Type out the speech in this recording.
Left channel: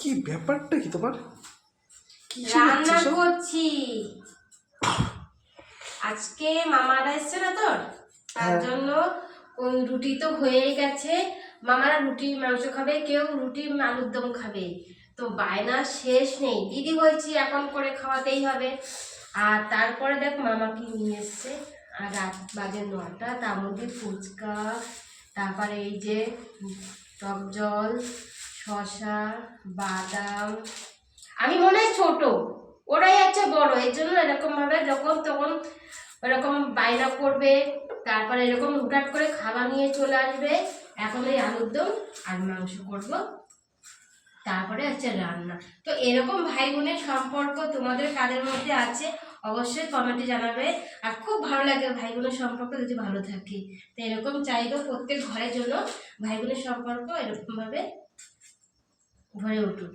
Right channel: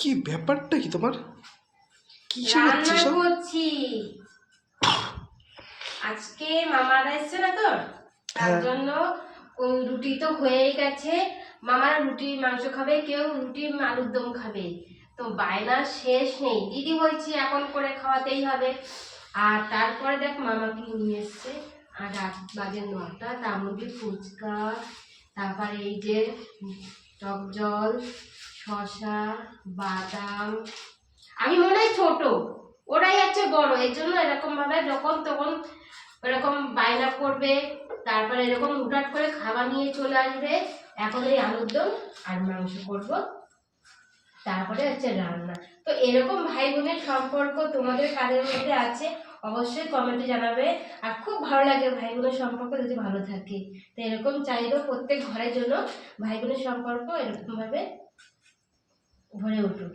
কি ব্যাপারটা কি তোমার? কি রান্না করছি। আজকে মামারা এসছে না তোর, তার জন্য ওই রুটি তো হয়েই গেছে। মামারা রুটি মাংস খাবে, কেউ রুটি আলুর দম খাবে। তো বায়না শেষ নেই, দিদি বলছি এখন করে খাওয়াতেই হবে। আর তারপরে দেখ মামা কি নিয়ে এসছে। আর রাত বাজে 9টা, তার মধ্যে ফুচকা, তারপরে এই যে টক জল, শসা, বাদাম। আমি মনে হয় ছোট, ওরাই হচ্ছে বড়, এর জন্য এরকম ভাবে যখন তখন ওরকম বায়না করবে। তারপরে এরকম হুটহাট করে খাবার নিয়ে চলে আসবে। এখন এই আলুর দম আর মাংস করব, তারপরে হচ্ছে রান্না। তো এরকম ভাই বোনের সম্পর্ক তোমাদের কাদের মধ্যে আছে অবশ্যই কমেন্টে জানাবে। আর খুব ভালো লাগে ভাই বোনের সম্পর্ক যদি ভালো থাকে। তো এরকম চাইবো প্রত্যেক ঘরের জন্য ভাই বোনের সম্পর্ক এরকম ভাবে ভরে উঠুক।